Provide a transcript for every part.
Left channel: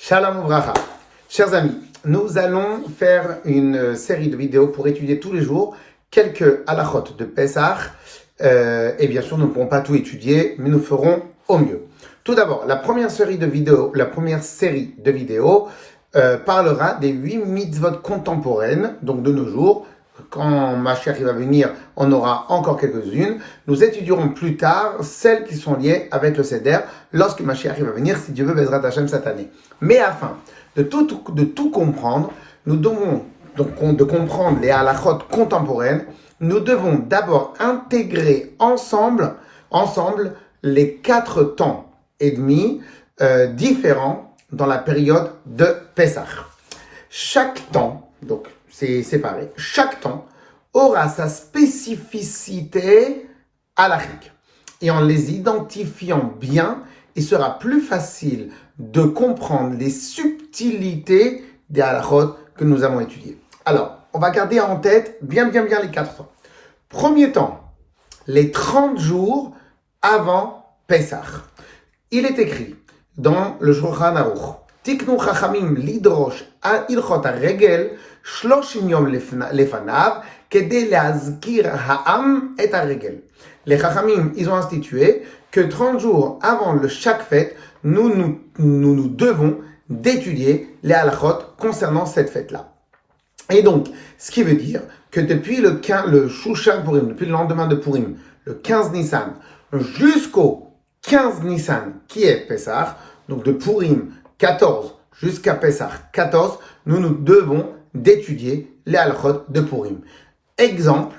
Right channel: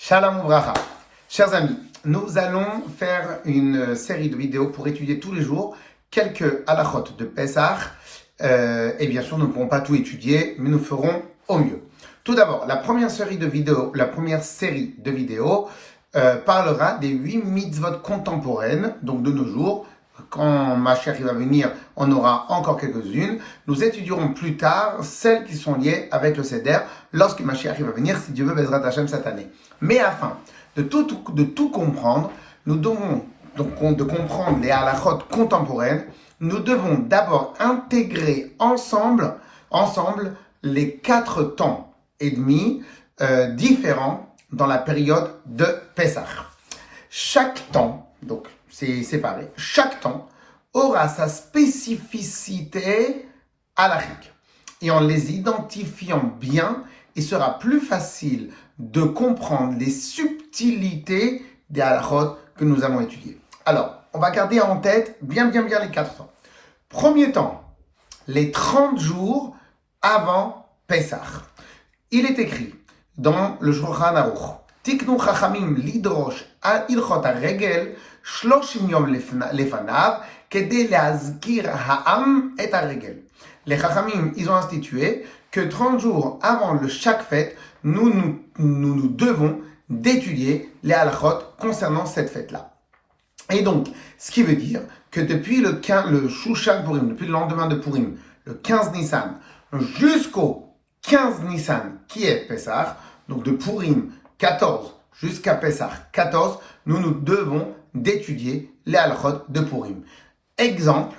Shalom Uvracha. Chers amis, nous allons faire une série de vidéos pour étudier tous les jours quelques halachot de Pesach. Et bien sûr, nous ne pourrons pas tout étudier, mais nous ferons au mieux. Tout d'abord, la première série de vidéos parlera des 8 mitzvot contemporaines, donc de nos jours. Quand Mashiach va venir, on aura encore quelques-unes. Nous étudierons plus tard celles qui sont liées avec le Seder lorsque Mashiach va venir, si Dieu veut, Bezrat Hashem cette année. Mais afin de tout comprendre, nous devons donc de comprendre les halachot contemporaines. Nous devons d'abord intégrer ensemble les 4 temps et demi différents dans la période de Pesach. Chaque temps, donc c'est séparé, chaque temps aura sa spécificité halachique. Et en les identifiant bien, il sera plus facile de comprendre les subtilités des halachot que nous avons étudiées. Alors, on va garder en tête bien les 4 temps. Premier temps, les 30 jours avant Pesach. Il est écrit dans le Shulchan Aruch, Tiknu chachamim lidrosh al ilchot haregel 30 yom lefanav kedei leazkir ha'am et haregel. Les chachamim, ils ont institué que 30 jours avant chaque fête, nous devons d'étudier les halachot concernant cette fête-là. Et donc, ce qui veut dire que depuis le Shushan Purim, depuis le lendemain de Purim, le 15 Nissan, jusqu'au 15 Nissan, qui est Pesach, donc de Purim 14 jusqu'à Pesach 14, nous devons d'étudier les halachot de Purim. Exemple,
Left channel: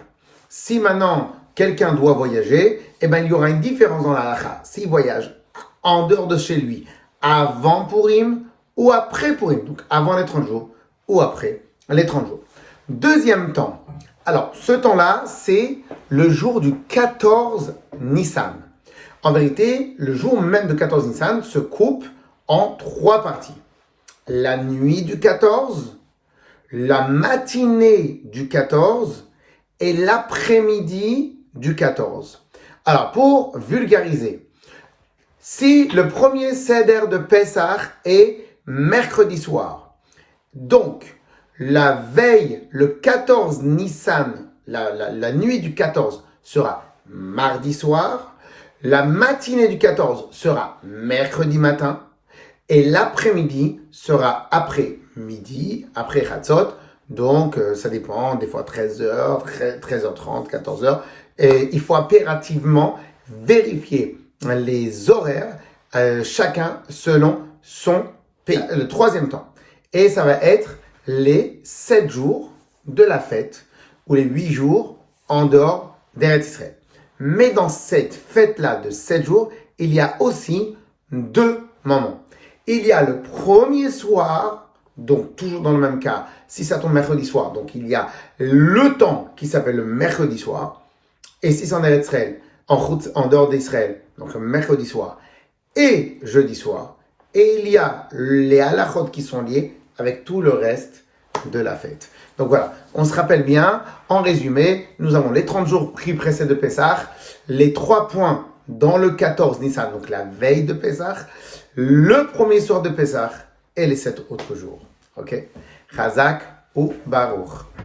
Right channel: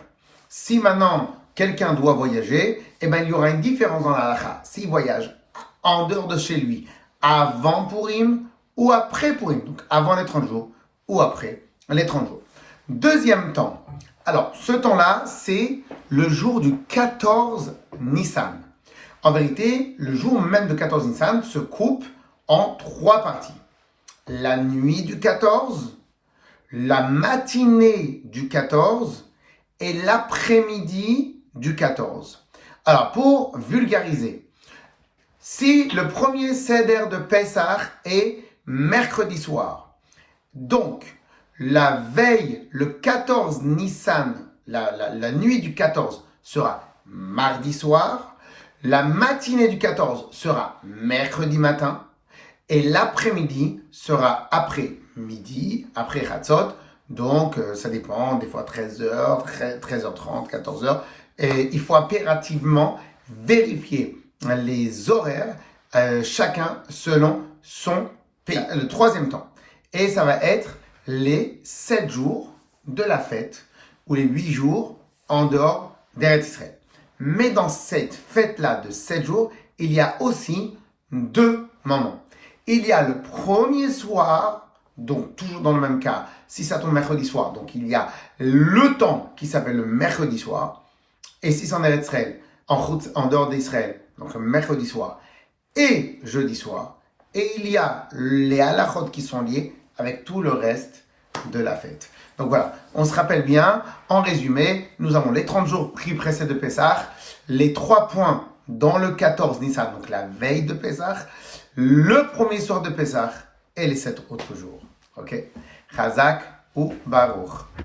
si maintenant quelqu'un doit voyager, il y aura une différence dans la halacha. S'il voyage en dehors de chez lui, avant Purim ou après Purim, donc avant les 30 jours ou après les 30 jours. Deuxième temps. Alors, ce temps-là, c'est le jour du 14 Nissan. En vérité, le jour même de 14 Nissan se coupe en 3 parties. La nuit du 14, la matinée du 14 et l'après-midi du 14. Alors, pour vulgariser, si le premier Seder de Pesach est mercredi soir, donc la veille, le 14 Nissan, la nuit du 14 sera mardi soir, la matinée du 14 sera mercredi matin, et l'après-midi sera après midi, après Chatzot, donc ça dépend, des fois 13h, 13h30, 14h, et il faut impérativement vérifier les horaires, chacun selon son pays. Le troisième temps, et ça va être les 7 jours de la fête, ou les 8 jours en dehors d'Eretz Israël. Mais dans cette fête-là de 7 jours, il y a aussi 2 moments. Il y a le premier soir, donc toujours dans le même cas, si ça tombe mercredi soir, donc il y a le temps qui s'appelle le mercredi soir, et si c'est en Eretz Israël, en dehors d'Israël, donc le mercredi soir, et jeudi soir, et il y a les halachot qui sont liés avec tout le reste de la fête. Donc voilà, on se rappelle bien, en résumé, nous avons les 30 jours qui précèdent de Pesach, les 3 points dans le 14 Nissan, donc la veille de Pesach, le premier soir de Pesach et les 7 autres jours. Ok? Chazak ou Baruch.